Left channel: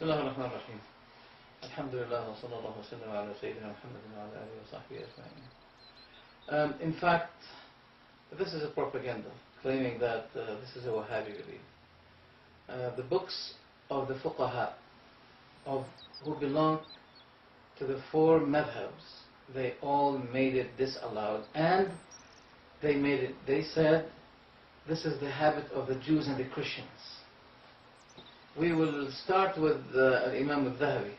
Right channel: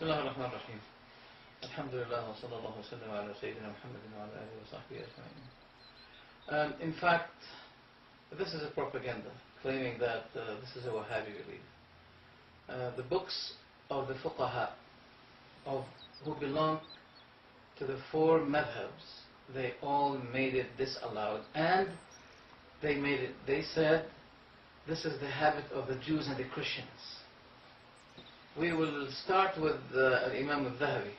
بسم الله الرحمن الرحيم. الحمد لله وصلى الله وسلم على سيدنا محمد وعلى آله وصحبه أجمعين. In fact, this is a propaganda claiming that this is a Wahhabi belief. The books of the fuqaha who belong to the four madhabs, they all made it disallowed, and they said this is the habit of the Jews and the Christians. We will start with Imam al-Dhahabi,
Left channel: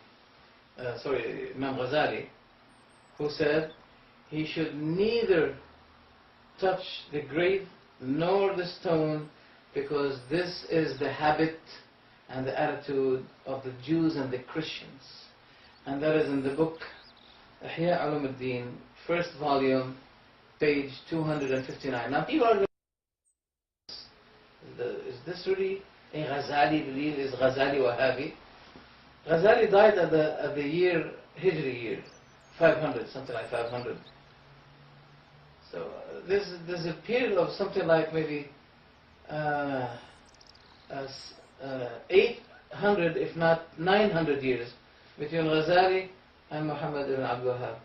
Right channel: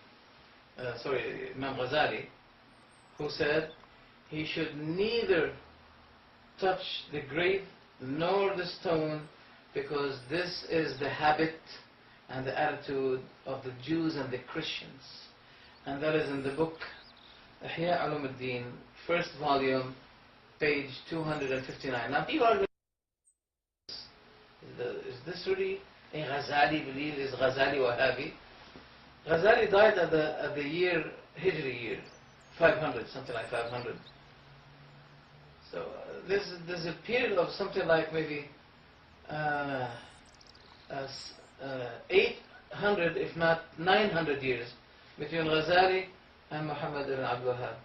Imam Ghazali, who said he should neither touch the grave nor the stone, because this is the habit and the attitude of the Jews and the Christians. And that is in the book Ihya Ulumuddin, first volume, page 259. Now people are going to say, is this really a Ghazali belief? Is Ghazali Wahhabi? Ghazali died at the year, Hijri year, 500, something like 500. So there's a period of something like maybe 800, if not 900 years between Ghazali and Muhammad ibn Abdul Wahhab.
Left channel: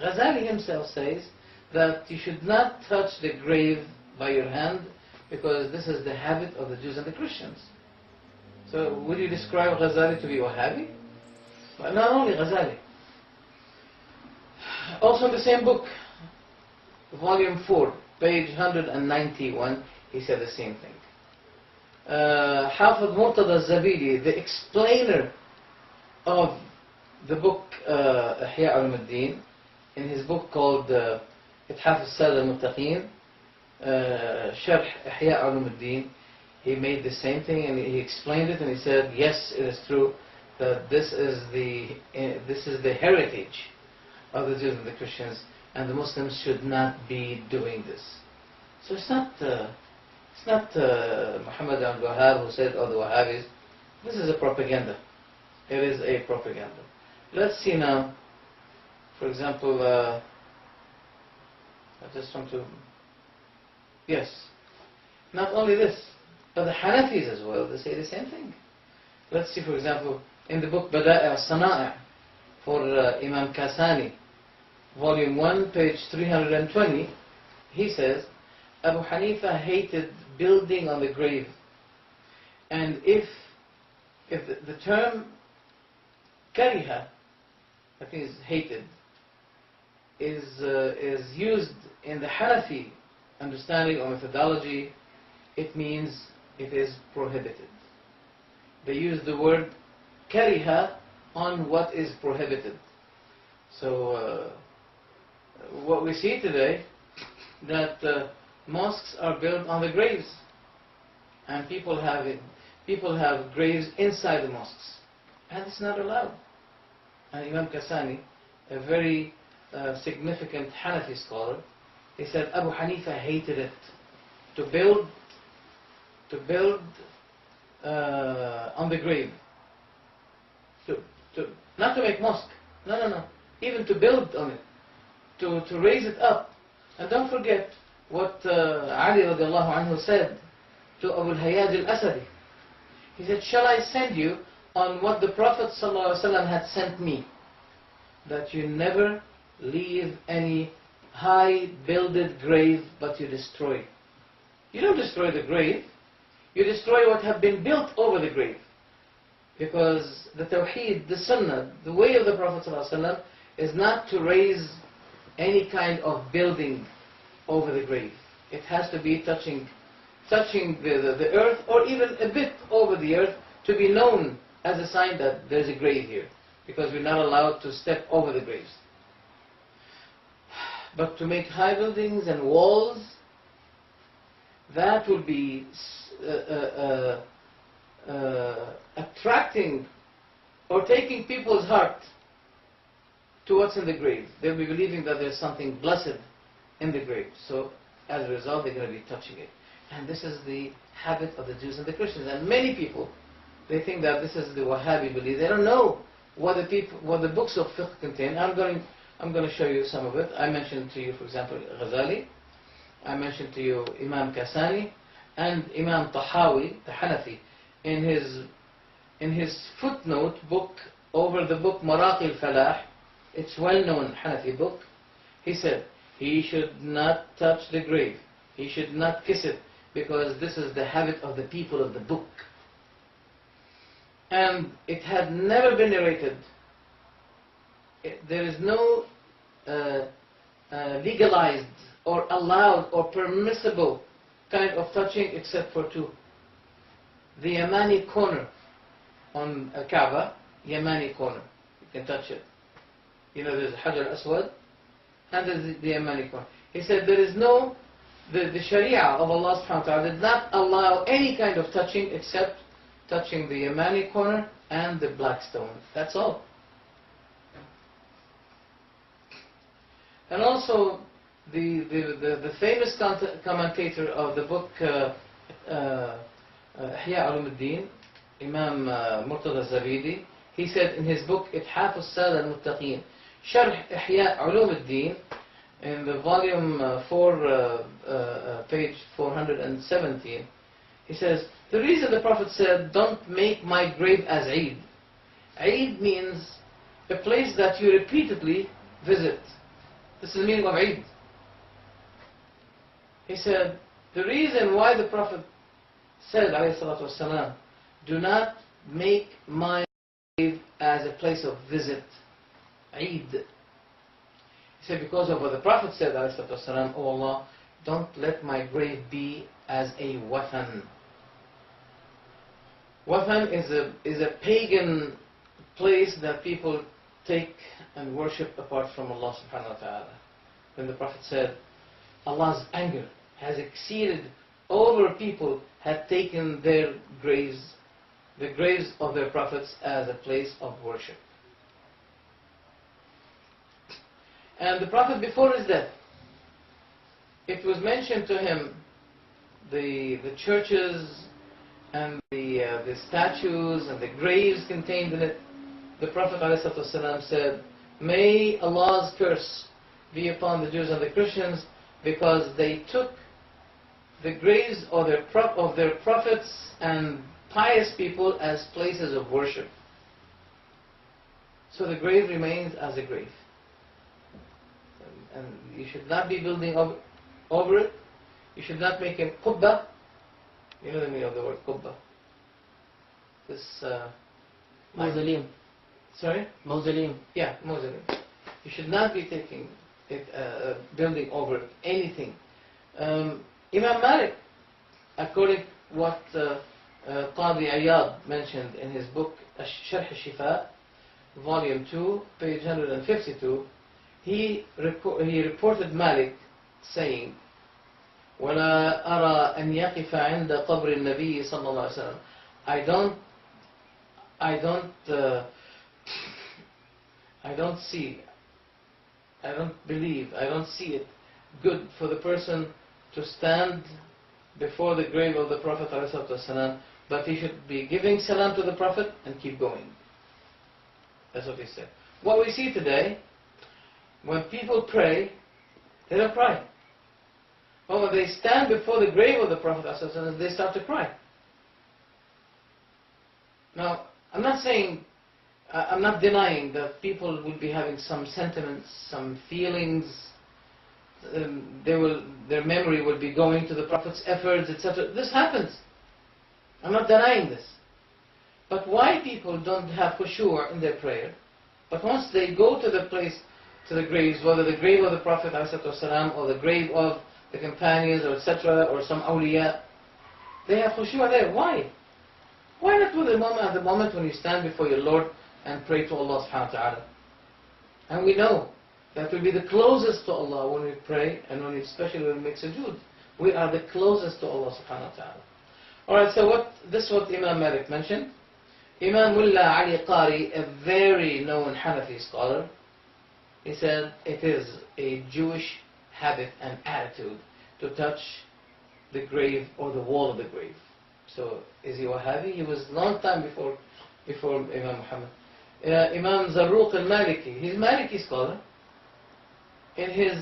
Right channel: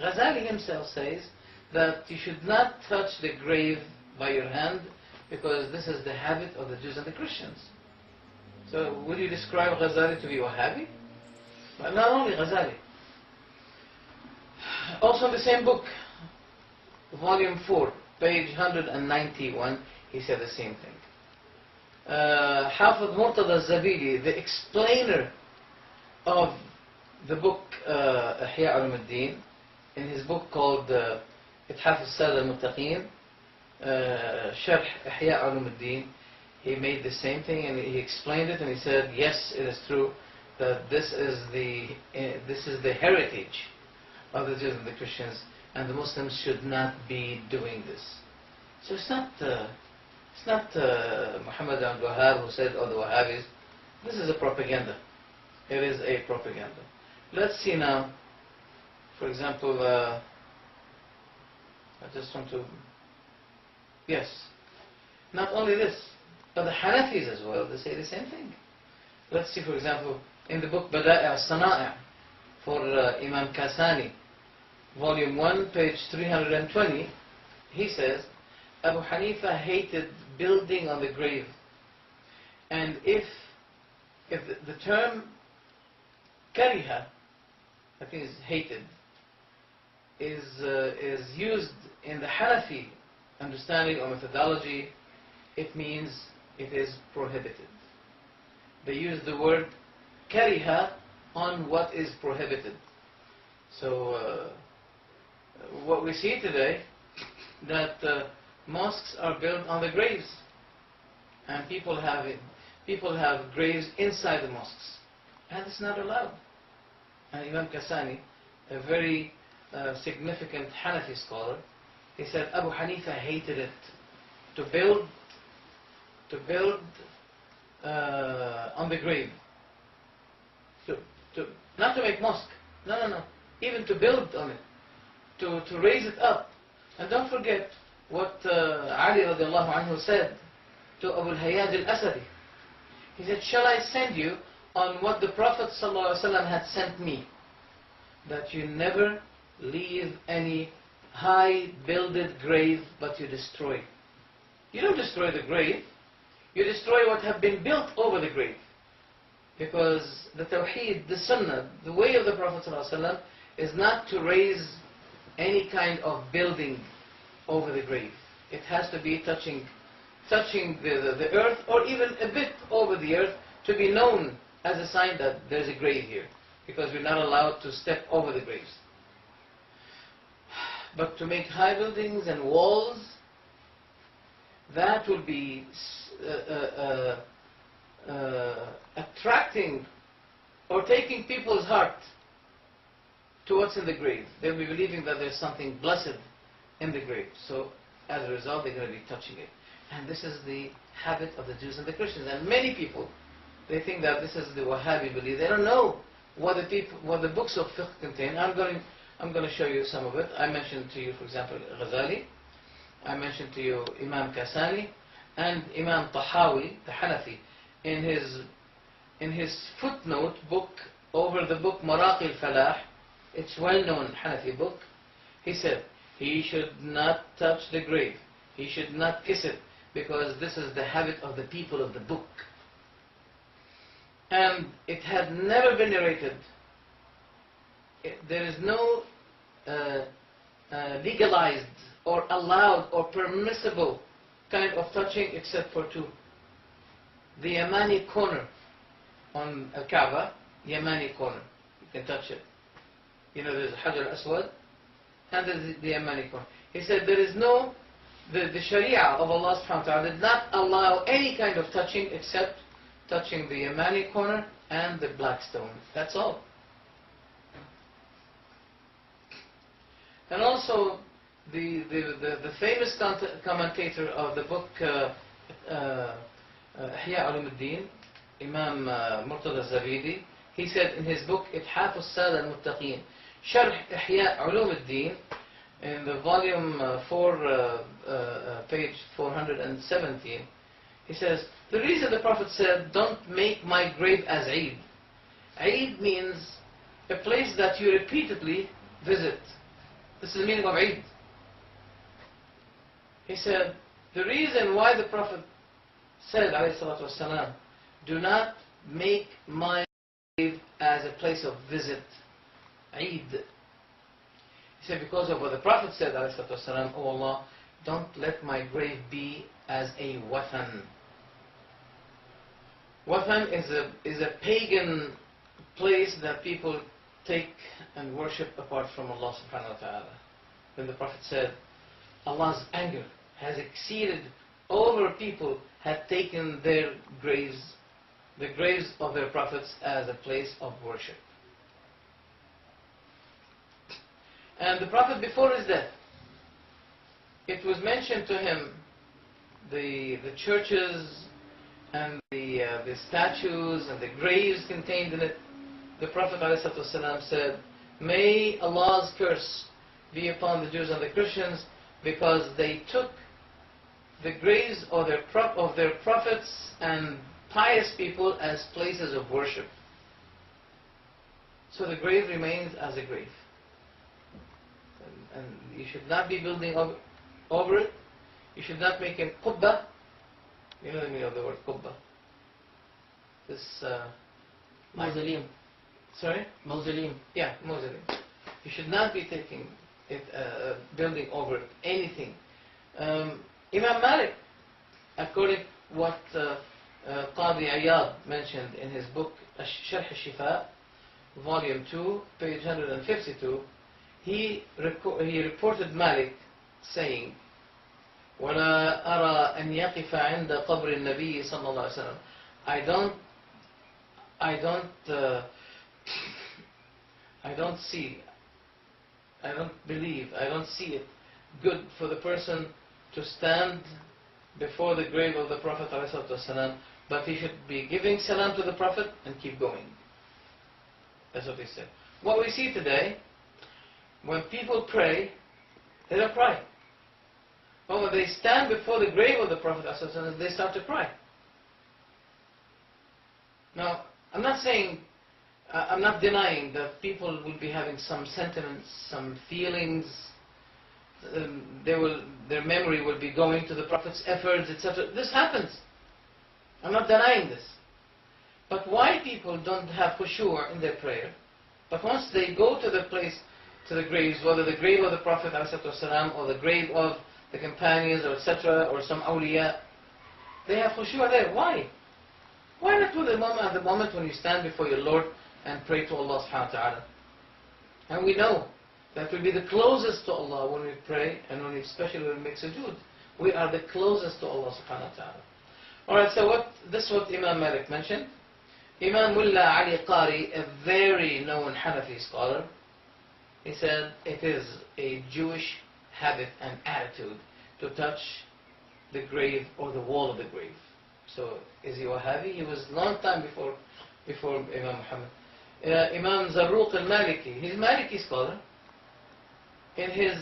Ghazali himself says that you should not touch the grave by your hand, because this is the habit of the Jews and the Christians. So would you describe Ghazali to be Wahhabi? But not only Ghazali. Also in the same book, volume 4, page 191, he said the same thing. Hafid Murtada al-Zabidi, the explainer of the book Ihya Ulumuddin, in his book called Ithaf al-Sada al-Muttaqeen, Sharh Ihya Ulumuddin, he made the same thing, and he explained it, and he said, yes, it is true that this is the heritage of the Jews and the Christians, and the Muslims should not be doing this. So it's not Muhammad ibn Abdul Wahhab who said, oh, the Wahhabis. This is a propaganda. It is a propaganda. Let's see now, for example, I just want to, yes, not only this, but the Hanafis as well, they say the same thing. Let's see, for example, in the book Bada'i al-Sana'i for Imam Kasani, volume 1, page 320, he says, Abu Hanifa hated building on the grave. And if the term kariha, I think is hated, is used in the Hanafi understanding or methodology, it means it is prohibited. They use the word kariha on what is prohibited. So what we see today, that mosques are built on the graves, and people have graves inside the mosques, and it's not allowed. And Imam Kasani, a very significant Hanafi scholar, he said Abu Hanifa hated it, to build on the grave, not to make mosque, no, even to build on it, to raise it up. And don't forget what Ali radiallahu anhu said to Abu al-Hayyaj al-Asadi. He said, shall I send you on what the Prophet ﷺ had sent me, that you never leave any high builded grave, but you destroy. You don't destroy the grave, you destroy what have been built over the grave. Because the Tawheed, the Sunnah, the way of the Prophet ﷺ is not to raise any kind of building over the grave. It has to be touching the earth, or even a bit over the earth, to be known as a sign that there's a grave here, because we're not allowed to step over the graves. But to make high buildings and walls, that will be attracting or taking people's heart to what's in the grave. They'll be believing that there's something blessed in the grave. So as a result, they're going to be touching it. And this is the habit of the Jews and the Christians. And many people, they think that this is the Wahhabi belief. They don't know what the books of fiqh contain. I'm going to show you some of it. I mentioned to you, for example, Ghazali. I mentioned to you Imam Kasani and Imam Tahawi, the Hanafi, in in his footnote book over the book Maraqi al-Falah, it's well-known Hanafi book, he said, he should not touch the grave. He should not kiss it, because this is the habit of the people of the book. And it had never been narrated. There is no legalized or allowed or permissible kind of touching except for two. The Yamani corner on Kaaba, Yamani corner, you can touch it. You know, there's Hajar al-Aswad and there's the Yamani corner. He said there is no, the Sharia of Allah subhanahu wa ta'ala did not allow any kind of touching except touching the Yamani corner and the black stone. That's all. And also the famous commentator of the book Ihya Ulumuddin, Imam Murtada Zabidi, he said in his book Ithaf al-Sada al-Muttaqeen, Sharh Ihya Ulumuddin, in the volume 4, page 417, he says, the reason the Prophet said, don't make my grave as Eid. Eid means a place that you repeatedly visit. This is the meaning of Eid. He said, the reason why the Prophet said, alayhi salatu wasalam, do not make my grave as a place of visit, Eid. He said, because of what the Prophet said, alayhi salatu wasalam, oh Allah, don't let my grave be as a wathan. Wathan is a pagan place that people take and worship apart from Allah subhanahu wa ta'ala. When the Prophet said, Allah's anger has exceeded over people had taken their graves, the graves of their prophets, as a place of worship. And the Prophet, before his death, it was mentioned to him, the churches and the statues and the graves contained in it. The Prophet ﷺ said, may Allah's curse be upon the Jews and the Christians, because they took the graves of their prophets and pious people as places of worship. So the grave remains as a grave. And you should not be building over it. You should not make a qubba. You know the meaning of the word qubba. This mausoleum. Sorry? Mausoleum. Yeah, mausoleum. You should not be taking it, building over it, anything. Imam Malik, according to what Qadi Iyad mentioned in his book Sharh al-Shifa, volume 2, page 152, he reported Malik saying, وَلَا أَرَى أَنْ يَقِفَ عِنْدَ قَبْرِ النَّبِيِّ صلى الله عليه وسلم. I don't see it good for the person to stand before the grave of the Prophet ﷺ, but he should be giving salam to the Prophet and keep going. That's what he said. What we see today, when people pray, they don't cry. But when they stand before the grave of the Prophet ﷺ, they start to cry. Now, I'm not denying that people will be having some sentiments, some feelings. Their memory will be going to the Prophet's efforts, etc. This happens. I'm not denying this. But why people don't have khushu' in their prayer, but once they go to the place, to the graves, whether the grave of the Prophet ﷺ or the grave of the companions, or etc., or some awliya, they have khushu' there. Why? Why not do at the moment when you stand before your Lord and pray to Allah subhanahu wa ta'ala? And we know that we'll be the closest to Allah when we pray, and especially when we make sujood. We are the closest to Allah subhanahu wa ta'ala. Alright, so this is what Imam Malik mentioned. Imam Mullah Ali Qari, a very known Hanafi scholar, he said it is a Jewish habit and attitude to touch the grave or the wall of the grave. So, is he Wahhabi? He was a long time before Imam Muhammad. Imam Zarruq al-Maliki, he's a Maliki scholar. In his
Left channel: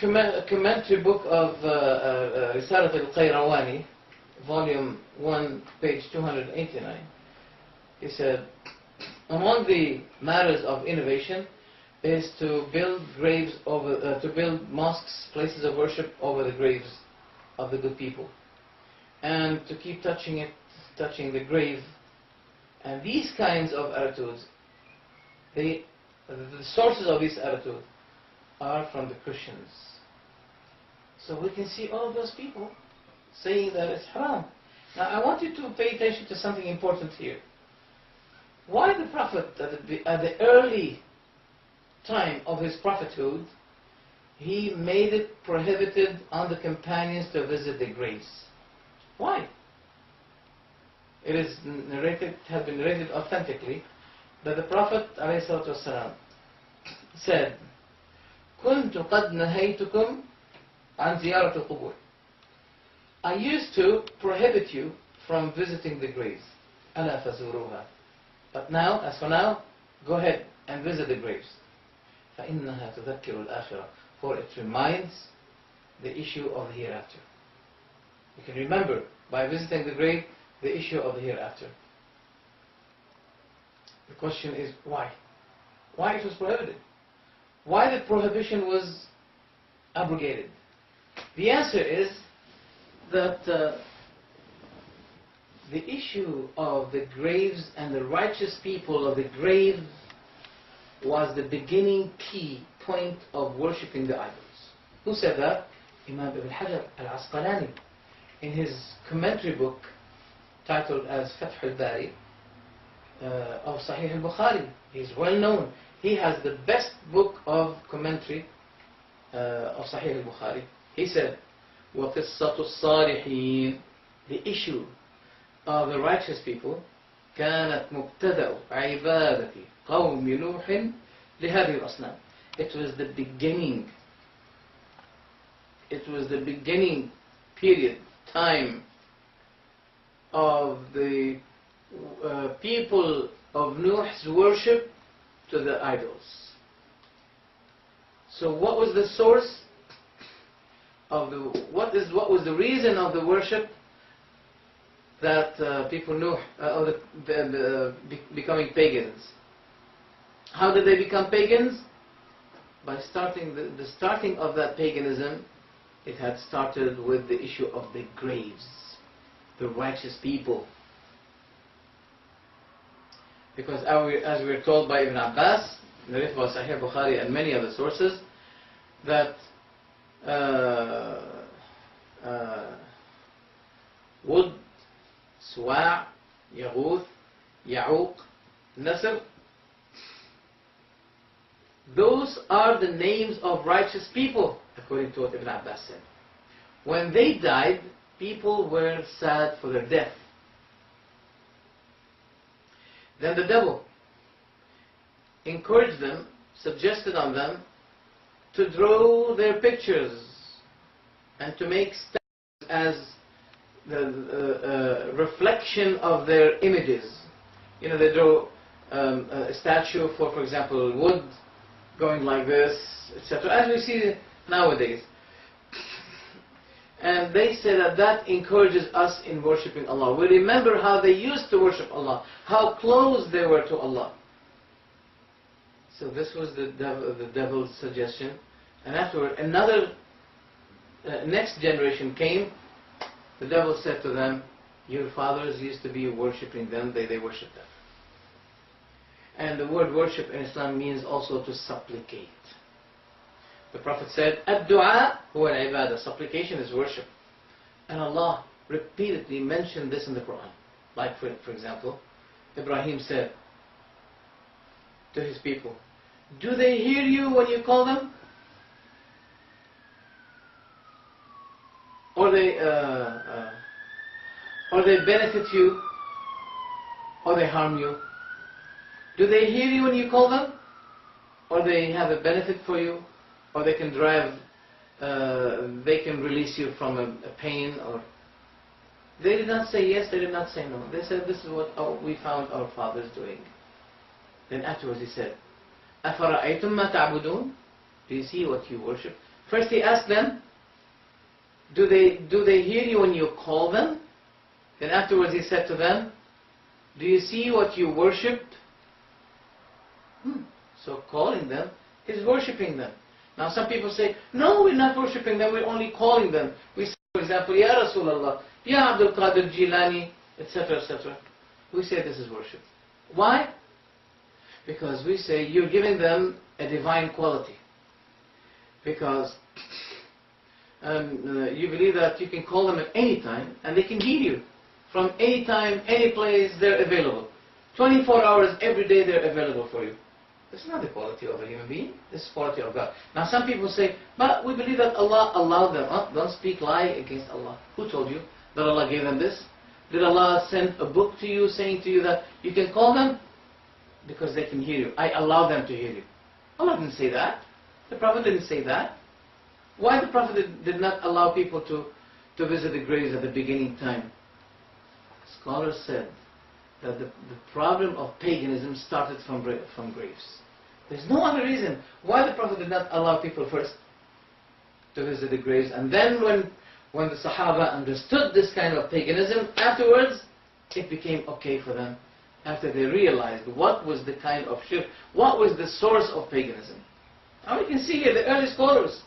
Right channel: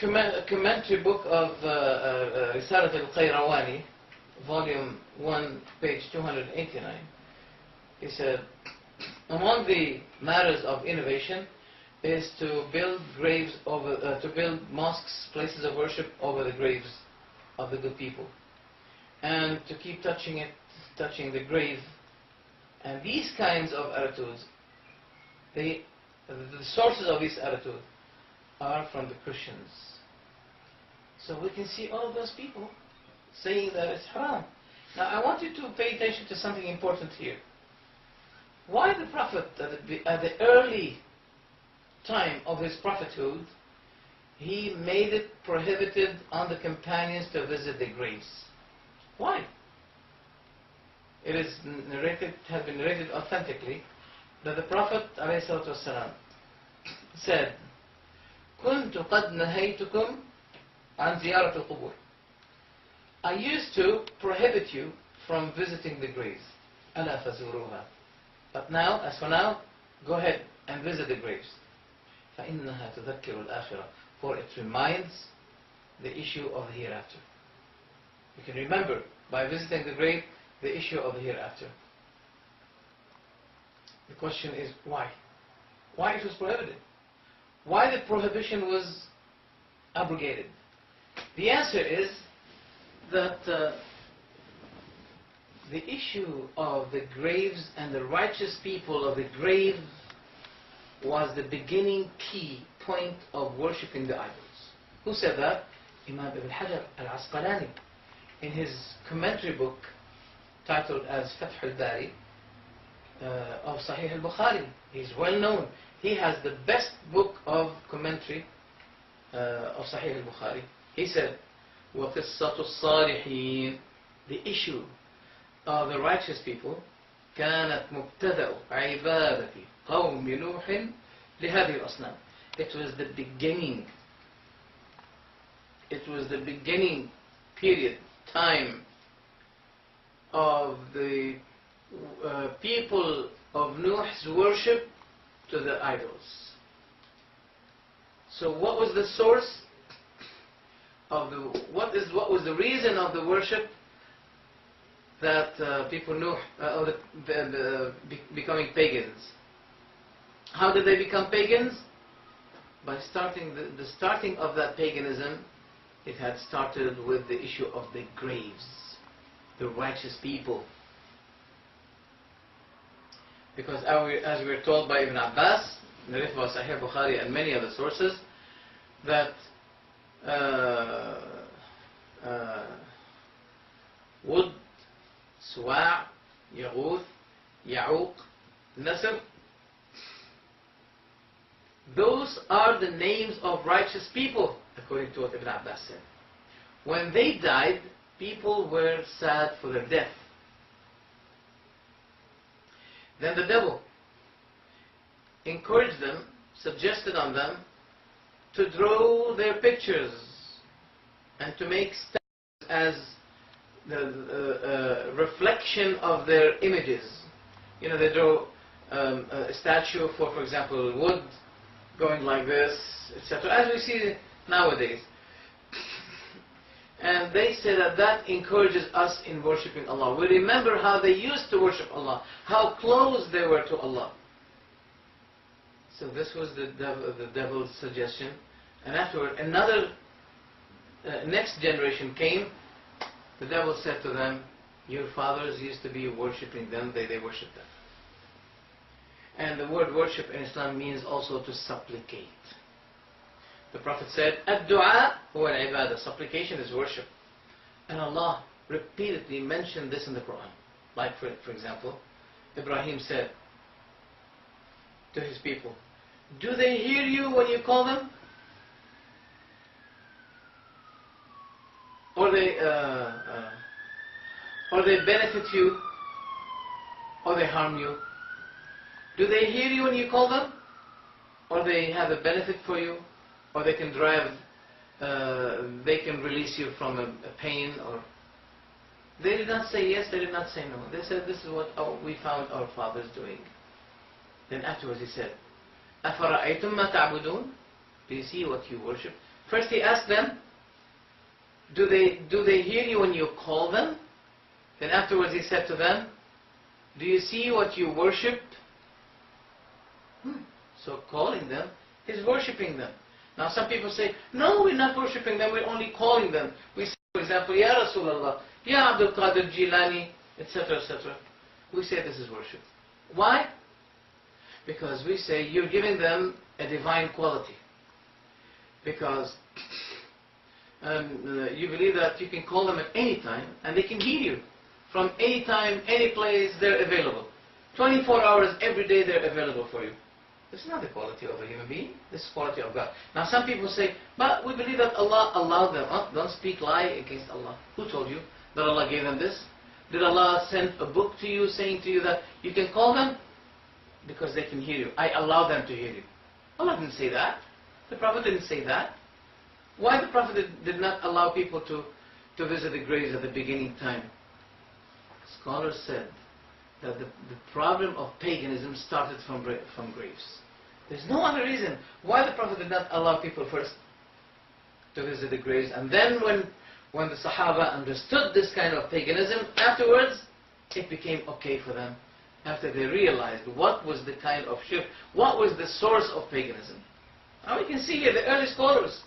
commentary book of Risalat al-Qayrawani, volume 1, page 289. He said, among the matters of innovation is to build to build mosques, places of worship over the graves of the good people, and to keep touching the grave. And these kinds of attitudes, the sources of this attitude are from the Christians. So we can see all of those people saying that it's haram. Now I want you to pay attention to something important here. Why the Prophet, at the early time of his prophethood, he made it prohibited on the companions to visit the graves? Why? It is narrated, has been narrated authentically, that the Prophet ﷺ said, كنت قد نهيتكم عن زيارة القبور. I used to prohibit you from visiting the graves. ألا فزوروها. But now, as for now, go ahead and visit the graves. فإنها تذكر الآخرة. For it reminds the issue of the hereafter. You can remember by visiting the grave the issue of the hereafter. The question is why? Why it was prohibited? Why the prohibition was abrogated? The answer is that the issue of the graves and the righteous people of the grave was the beginning key point of worshipping the idols. Who said that? Imam Ibn Hajar al-Asqalani, in his commentary book titled as Fath al-Bari of Sahih al-Bukhari. He's well known. He has the best book of commentary of Sahih al-Bukhari. He said, وَقِصَّةُ الصَّالِحِينَ, the issue of the righteous people, كانت مبتدأ عبادة قوم نوح لهذه الأصنام. It was the beginning. It was the beginning period, time of the people of Nuh's worship to the idols. So what was the source of what was the reason of the worship that people Nuh becoming pagans? How did they become pagans? By starting the starting of that paganism, it had started with the issue of the graves, the righteous people. Because as we are told by Ibn Abbas, narrated by Sahih Bukhari and many other sources, that Wud, Suwa', Yaghuth, Ya'uq, Nasr, those are the names of righteous people, according to what Ibn Abbas said. When they died, people were sad for their death. Then the devil encouraged them, suggested on them to draw their pictures and to make statues as the reflection of their images. You know, they draw a statue for example, wood going like this, etc., as we see nowadays. And they say that encourages us in worshipping Allah. We remember how they used to worship Allah, how close they were to Allah. So this was the devil's suggestion. And afterward, next generation came. The devil said to them, your fathers used to be worshipping them, they worshipped them. And the word worship in Islam means also to supplicate. The Prophet said, Ad-du'a huwa al-ibadah. Supplication is worship. And Allah repeatedly mentioned this in the Quran. Like for example, Ibrahim said to his people, do they hear you when you call them? Or they benefit you? Or they harm you? Do they hear you when you call them? Or they have a benefit for you? Or they can they can release you from a pain? Or they did not say yes, they did not say no. They said, this is what we found our fathers doing. Then afterwards he said, أَفَرَأَيْتُمْ مَا تَعْبُدُونَ? Do you see what you worship? First he asked them, do they hear you when you call them? Then afterwards he said to them, do you see what you worship? So calling them is worshipping them. Now some people say, no, we're not worshipping them, we're only calling them. We say, for example, Ya Rasulullah, Ya Abdul Qadir Jilani, etc., etc. We say this is worship. Why? Because we say you're giving them a divine quality. Because you believe that you can call them at any time and they can hear you. From any time, any place, they're available. 24 hours every day they're available for you. This is not the quality of a human being. This is the quality of God. Now some people say, but we believe that Allah allowed them. Oh, don't speak lie against Allah. Who told you that Allah gave them this? Did Allah send a book to you saying to you that you can call them? Because they can hear you. I allow them to hear you. Allah didn't say that. The Prophet didn't say that. Why the Prophet did not allow people to visit the graves at the beginning time? Scholars said that the problem of paganism started from graves. There's no other reason why the Prophet did not allow people first to visit the graves. And then when the Sahaba understood this kind of paganism, afterwards it became okay for them. After they realized what was the kind of shirk, what was the source of paganism. Now we can see here the early scholars,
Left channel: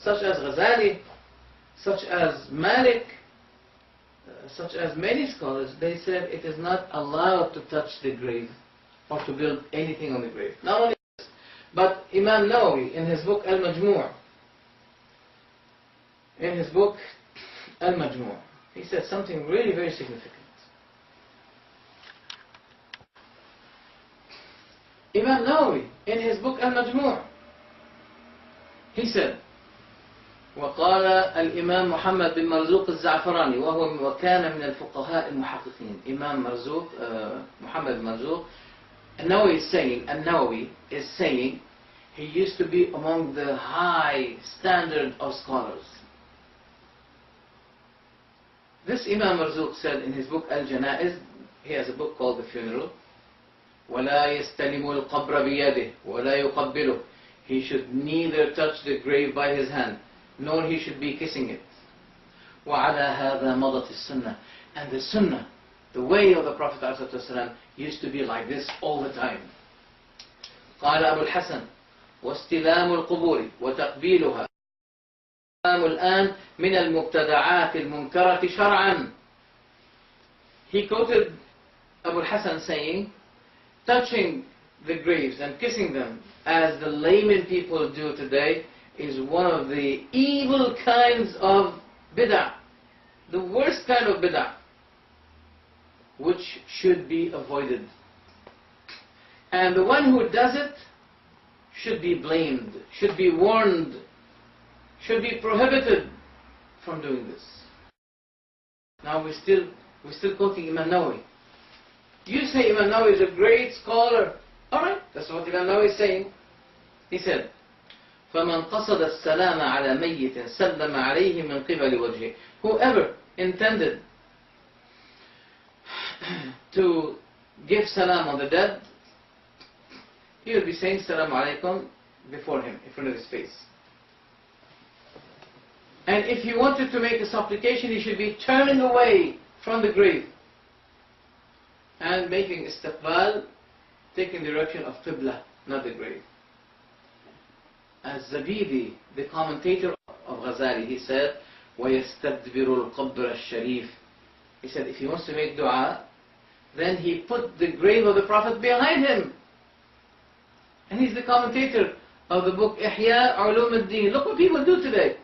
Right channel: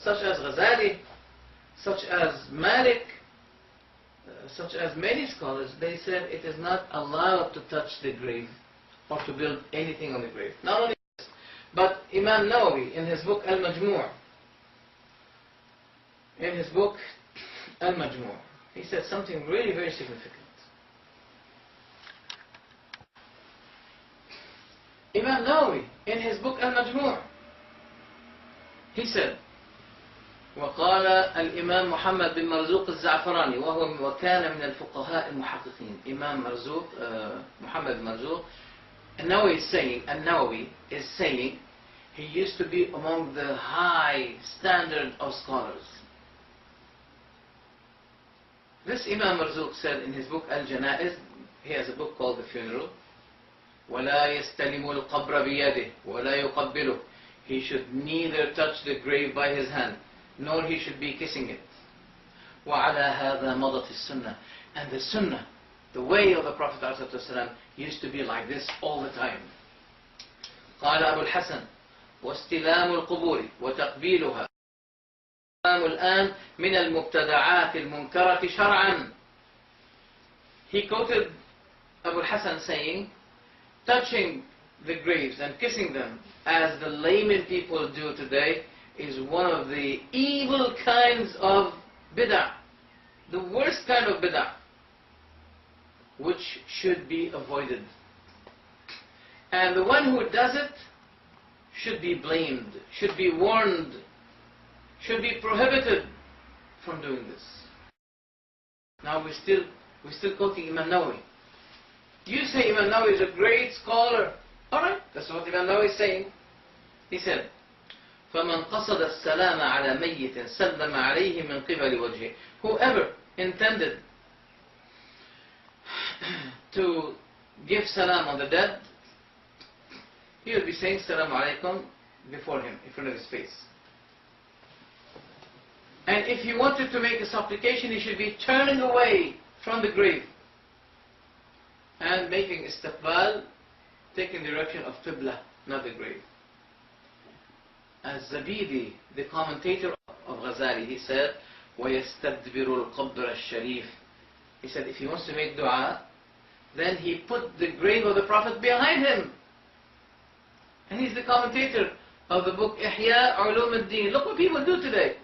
such as Ghazali, such as Malik, such as many scholars, they said it is not allowed to touch the grave or to build anything on the grave. Not only this, but Imam Nawawi in his book Al-Majmu', he said something really very significant. Imam Nawawi in his book Al-Majmu', he said, وقال الإمام محمد بن مرزوق الزعفراني وكان من الفقهاء المحققين. Imam Marzuq, Muhammad bin Marzuq, An-Nawawi is saying he used to be among the high standard of scholars. This Imam Marzuq said in his book Al-Janaiz, he has a book called The Funeral, ولا يستلم القبر بيده ولا يقبله. He should neither touch the grave by his hand, nor he should be kissing it. وَعَلَى هَذَا مَضَتِ السُنَّةِ. And the sunnah, the way of the Prophet ﷺ used to be like this all the time. قال أبو الحسن واستلام القبور وتقبيلها الآن من المبتدعات المنكرة شرعا. He quoted Abu al-Hasan saying, touching the graves and kissing them as the layman people do today is one of the evil kinds of bid'ah, the worst kind of bid'ah, which should be avoided. And the one who does it should be blamed, should be warned, should be prohibited from doing this. Now we're still quoting Imam Nawawi. You say Imam Nawawi is a great scholar. Alright, that's what Imam Nawawi is saying. He said, فَمَنْ قَصَدَ السَّلَامَ عَلَى مَيِّتٍ سَلَّمَ عَلَيْهِ مِنْ قِبَلِ وَجْهِهِ. Whoever intended to give salam on the dead, he will be saying salam alaikum before him, in front of his face. And if he wanted to make a supplication, he should be turning away from the grave and making istiqbal, taking the direction of Qibla, not the grave. As Zabidi, the commentator of Ghazali, he said, وَيَسْتَدْبِرُ الْقَبْرَ الشَّرِيفِ. He said, if he wants to make dua, then he put the grave of the Prophet behind him. And he's the commentator of the book Ihya Ulum al-Din. Look what people do today.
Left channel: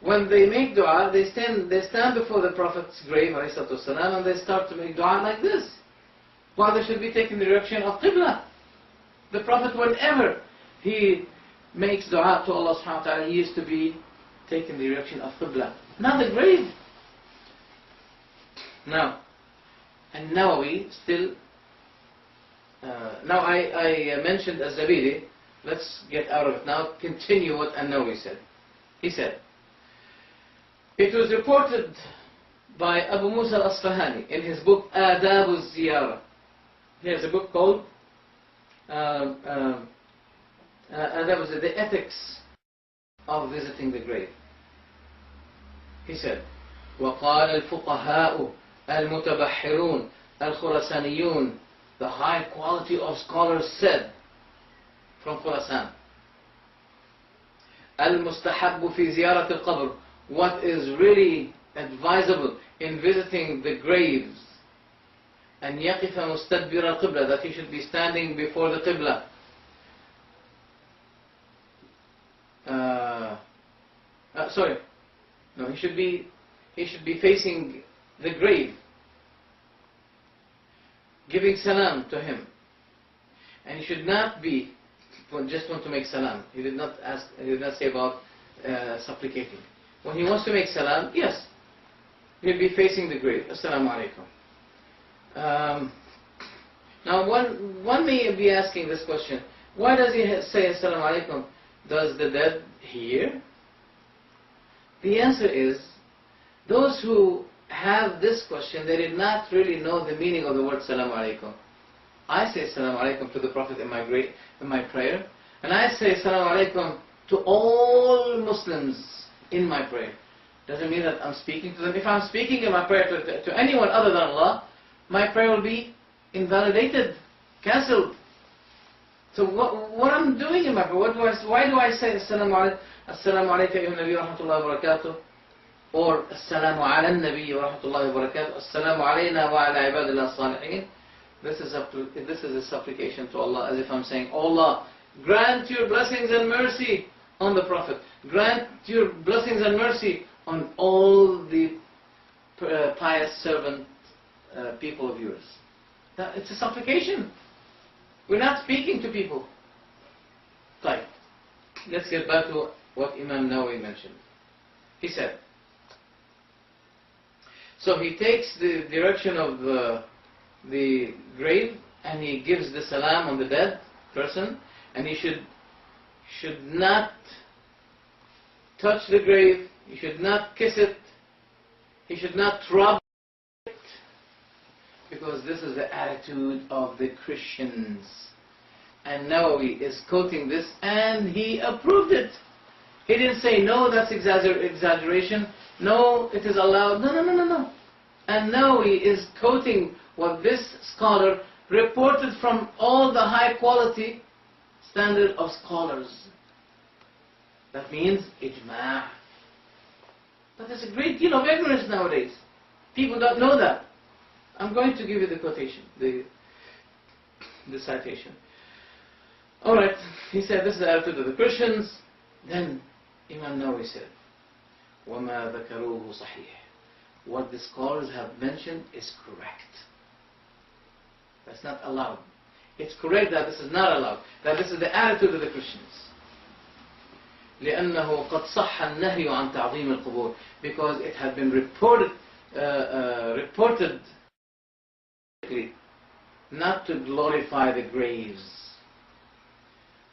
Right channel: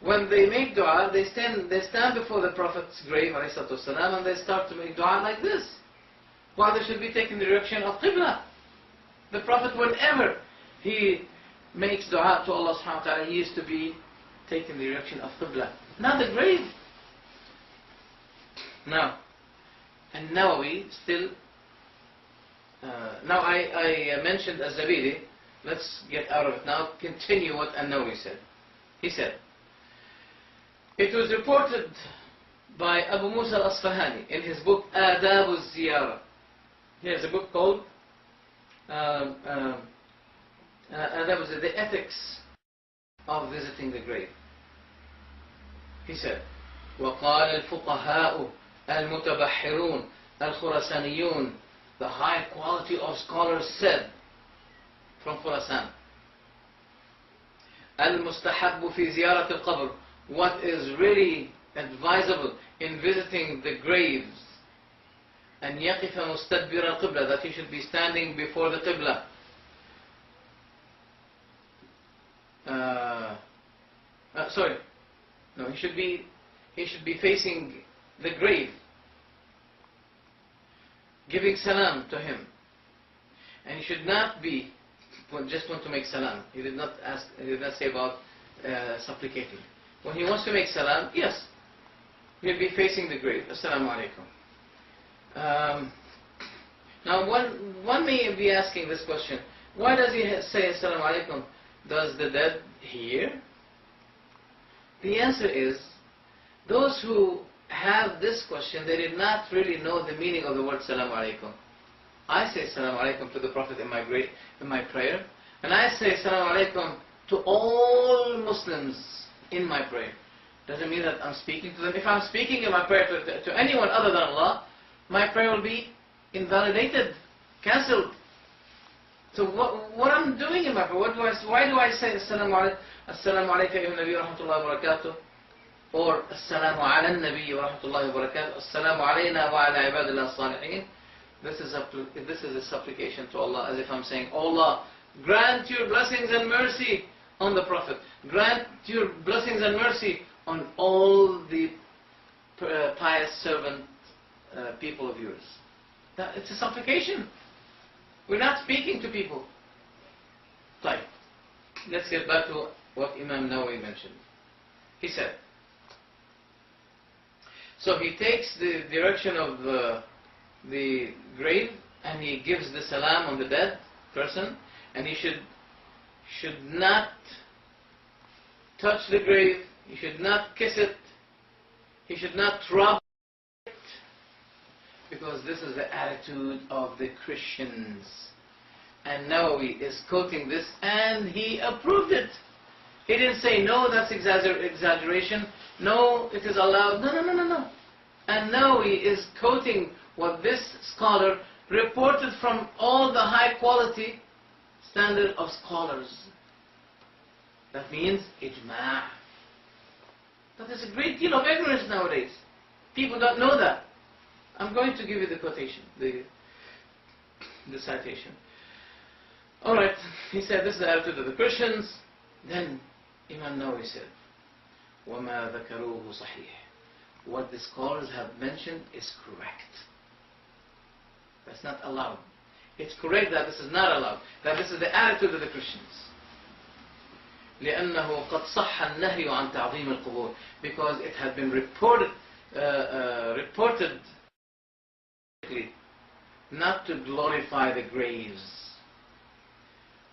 When they make dua, they stand before the Prophet's grave, ﷺ, and they start to make dua like this. While they should be taking the direction of Qibla. The Prophet, whenever he makes dua to Allah subhanahu wa ta'ala, he used to be taking the direction of Qibla, not the grave. Now, and Nawawi still, now I mentioned Az-Zabidi, let's get out of it now, continue what An-Nawawi said. He said, it was reported by Abu Musa al-Asfahani in his book Adab al-Ziyara. Here's a book called Adab al-Ziyara, the ethics of visiting the grave. He said, وَقَالَ الْفُقَهَاءُ Al-Mutabahhirun, Al-Khurasaniyun, the high quality of scholars said from Khurasan. Al-Mustahabbu fi ziyarat al-qabr, what is really advisable in visiting the graves. And يقف مستدبر القبلة, that he should be standing before the Qibla. He should be facing the grave, giving salam to him. And he should not be just want to make salam. He did not say about supplicating. When he wants to make salam, yes, he'll be facing the grave. Assalamu alaikum. Now one may be asking this question, why does he say Assalamu alaikum? Does the dead hear? The answer is, those who have this question, they did not really know the meaning of the word Assalamu alaikum. I say Assalamu alaikum to the Prophet in my prayer, and I say Assalamu alaikum to all Muslims in my prayer. Doesn't mean that I'm speaking to them. If I'm speaking in my prayer to anyone other than Allah, my prayer will be invalidated, cancelled. So what I'm doing in my prayer, why do I say Assalamu alayka ayyuhan Nabi wa rahmatullahi wa barakatuh, or Assalamu ala Nabi wa rahmatullahi wa barakatuh, Assalamu alayna wa ala ibadillah salihin. This is a supplication to Allah, as if I'm saying, oh Allah, grant your blessings and mercy on the Prophet, grant your blessings and mercy on all the pious servant people of yours. It's a supplication. We're not speaking to people. Right. Let's get back to what Imam Nawawi mentioned. He said, so he takes the direction of the grave and he gives the salam on the dead person, and he should not touch the grave, he should not kiss it, he should not rub it, because this is the attitude of the Christians. And Nawawi is quoting this and he approved it. He didn't say, no, that's exaggeration, no, it is allowed, no. And Nawawi is quoting what this scholar reported from all the high quality standard of scholars. That means ijma'. But there's a great deal of ignorance nowadays. People don't know that. I'm going to give you the quotation, the citation. Alright, he said this is the attitude of the Christians. Then Imam Nawawi said, وَمَا ذَكَرُوهُ صَحِيحٌ. What the scholars have mentioned is correct. That's not allowed. It's correct that this is not allowed, that this is the attitude of the Christians. لأنه قد صح النهي عن تعظيم القبور, because it had been reported not to glorify the graves.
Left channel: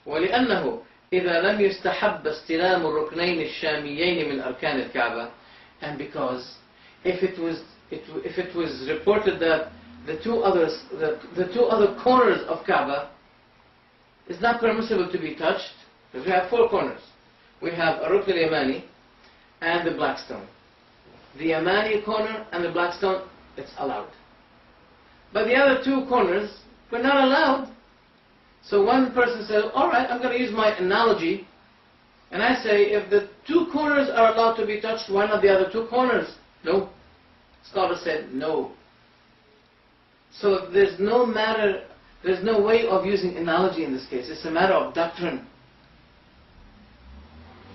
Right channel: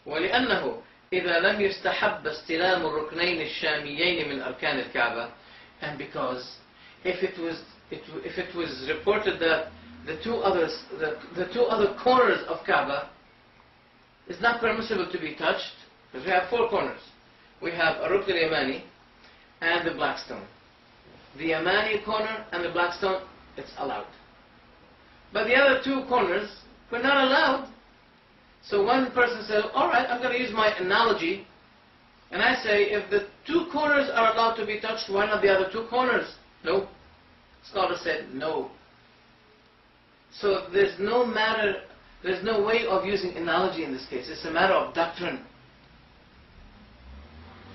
ولأنه إذا لم يستحب استلام الركنين الشاميين من أركان الكعبة, and because if it was reported that the two other corners of Kaaba is not permissible to be touched, because we have four corners. We have a Rukn al-Yamani and the black stone. The Yamani corner and the black stone, it's allowed. But the other two corners were not allowed. So one person said, alright, I'm going to use my analogy, and I say, if the two corners are allowed to be touched, why not the other two corners? No. Scholars said no. So there's no way of using analogy in this case. It's a matter of doctrine.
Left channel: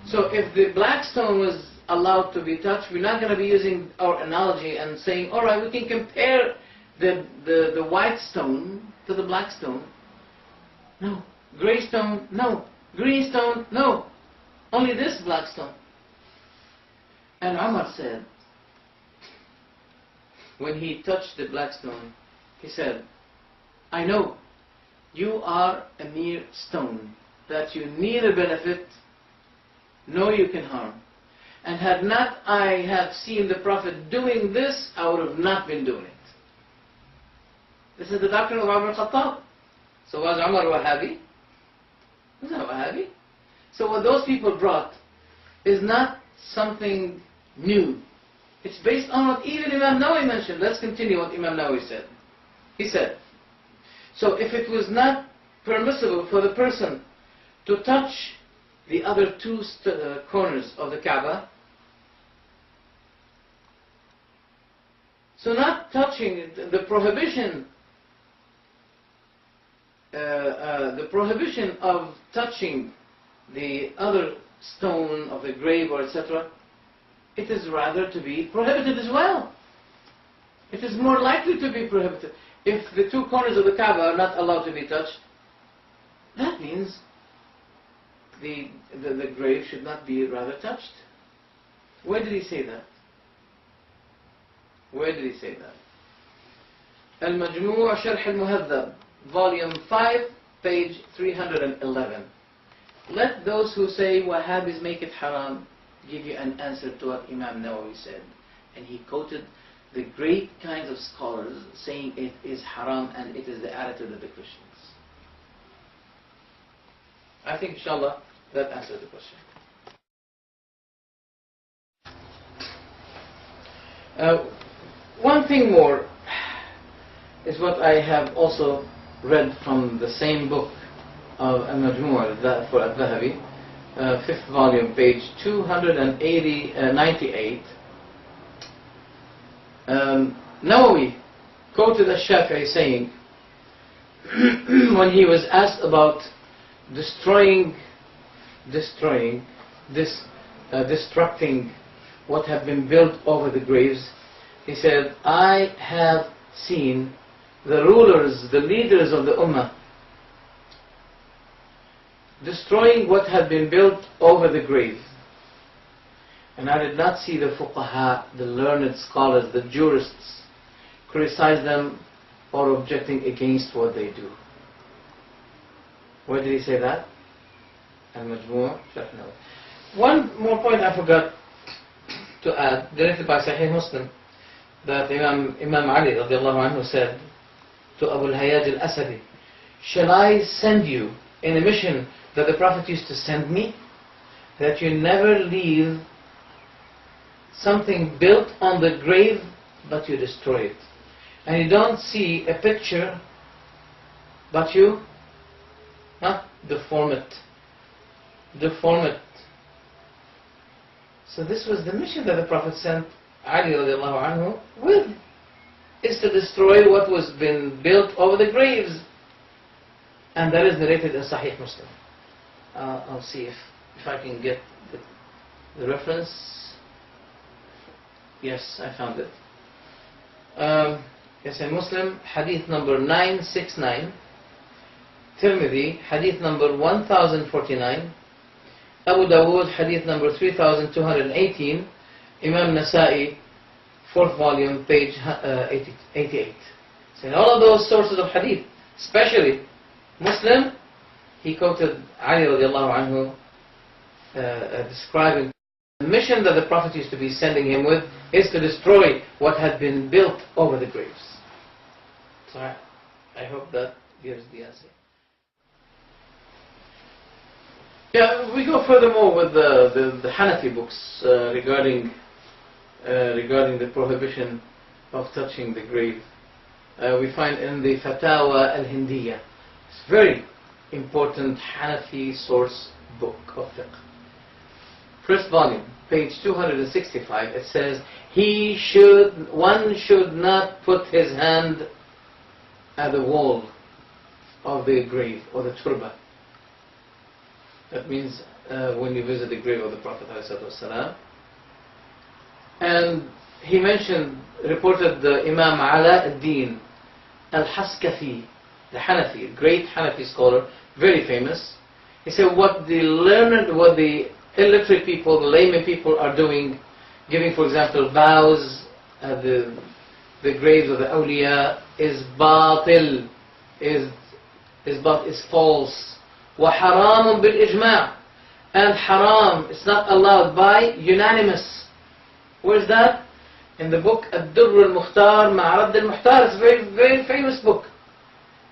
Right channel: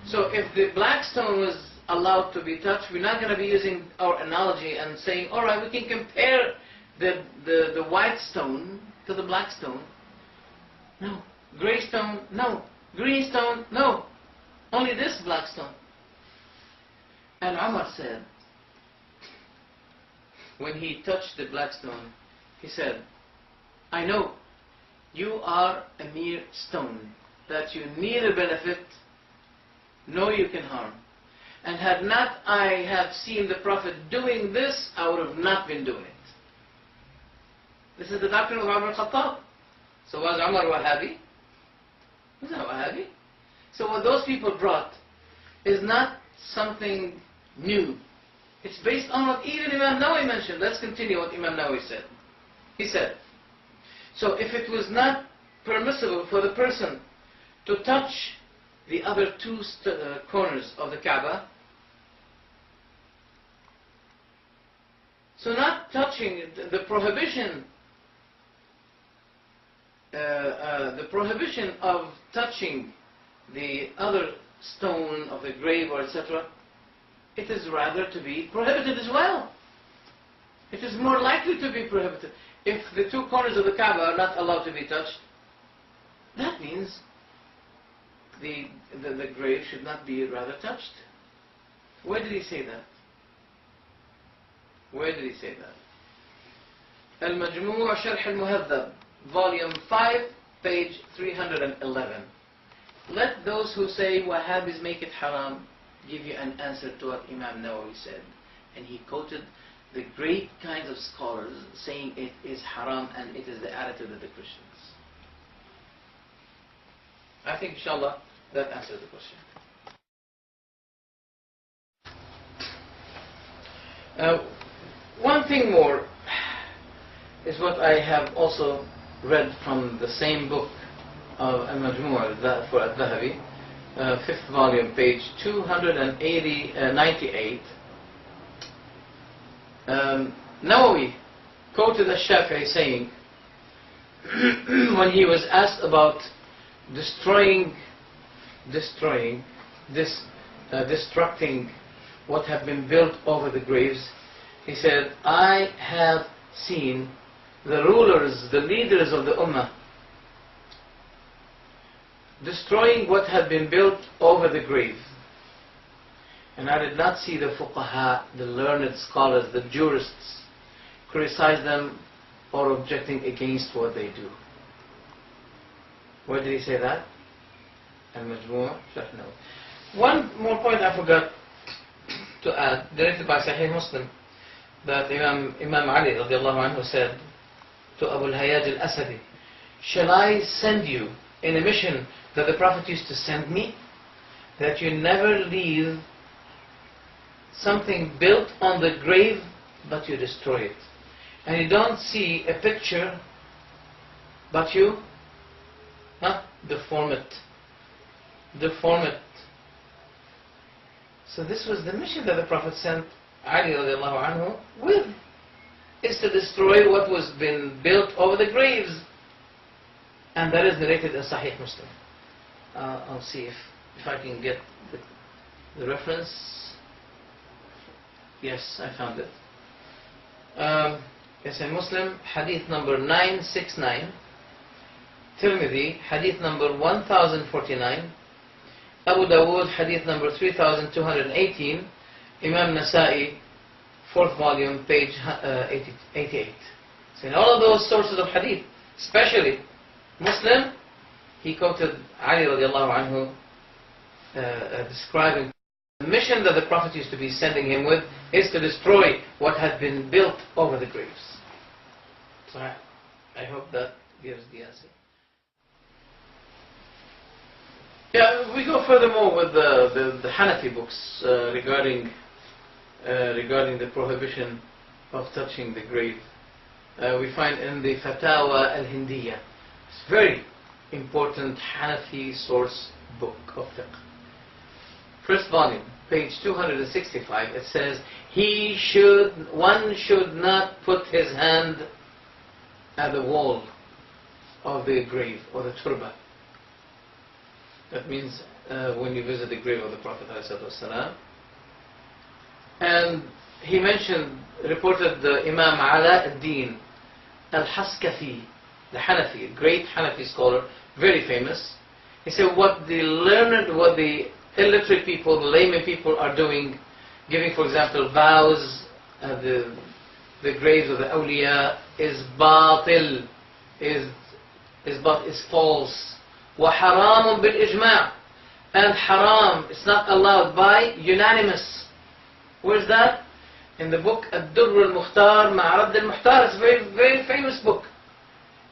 So if the black stone was allowed to be touched, we're not going to be using our analogy and saying, alright, we can compare the white stone to the black stone. No. Gray stone, no. Green stone, no. Only this black stone. And Umar said, when he touched the black stone, he said, I know you are a mere stone, that you neither benefit nor you can harm. And had not I have seen the Prophet doing this, I would have not been doing it. This is the doctrine of Umar ibn Khattab. So was Umar Wahhabi? He was not Wahhabi. So what those people brought is not something new. It's based on what even Imam Nawawi mentioned. Let's continue what Imam Nawawi said. He said, so if it was not permissible for the person to touch the other two corners of the Kaaba, so not touching, the prohibition of touching the other stone of the grave or etc., it is rather to be prohibited as well. It is more likely to be prohibited. If the two corners of the Kaaba are not allowed to be touched, that means the grave should not be rather touched. Where did he say that? Where did he say that? Al-Majmu' Sharh al-Muhaddab, volume 5, page 311. Let those who say Wahhabis make it haram give you an answer to what Imam Nawawi said. And he quoted the great kinds of scholars saying it is haram and it is the attitude of the Christians. I think inshallah that answers the question. One thing more is what I have also read from the same book of Al-Majmu' for Al-Dhahabi, 5th volume, page 298. Nawawi quoted Al-Shafi'i saying, when he was asked about destructing what have been built over the graves, he said, I have seen the rulers, the leaders of the Ummah, destroying what had been built over the grave. And I did not see the fuqaha, the learned scholars, the jurists, criticize them or objecting against what they do. Where did he say that? Al-Majmu' Sharh Nawawi. One more point I forgot to add, directed by Sahih Muslim, that Imam Ali radiallahu anhu said to Abu al-Hayyaj al-Asadi, shall I send you in a mission that the Prophet used to send me, that you never leave something built on the grave but you destroy it, and you don't see a picture but you deform it. So this was the mission that the Prophet sent Ali radiallahu anhu with, is to destroy what was been built over the graves. And that is narrated in Sahih Muslim. I'll see if I can get the reference. Yes, I found it. Yes, in Muslim, hadith number 969. Tirmidhi, hadith number 1049. Abu Dawood, hadith number 3218. Imam Nasa'i, 4th volume, page 88. So in all of those sources of hadith, especially Muslim, he quoted Ali radiallahu anhu describing the mission that the Prophet used to be sending him with is to destroy what had been built over the graves. So I hope that gives the answer. Yeah, we go furthermore with the Hanafi books regarding the prohibition of touching the grave. We find in the Fatawa al-Hindiyah, it's very important Hanafi source book of fiqh. First volume, page 265, it says, one should not put his hand at the wall of the grave or the turba. That means when you visit the grave of the Prophet ﷺ. And he reported the Imam Ala ad-Din al-Haskafi, the Hanafi, a great Hanafi scholar, very famous. He said what the learned, what the illiterate people, the layman people are doing, giving, for example, vows at the graves of the awliya, is batil, is false. وَحَرَامٌ بِالْإِجْمَاعِ, and haram, it's not allowed by unanimous. Where's that? In the book Ad-Durr al-Mukhtar Ma'rad al-Muhtar. It's a very, very famous book.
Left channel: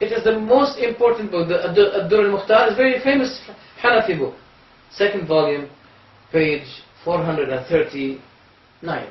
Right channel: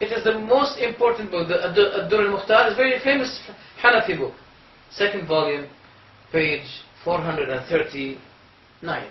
It is the most important book. The Ad-Durr al-Mukhtar is a very famous Hanafi book. 2nd volume, page 439.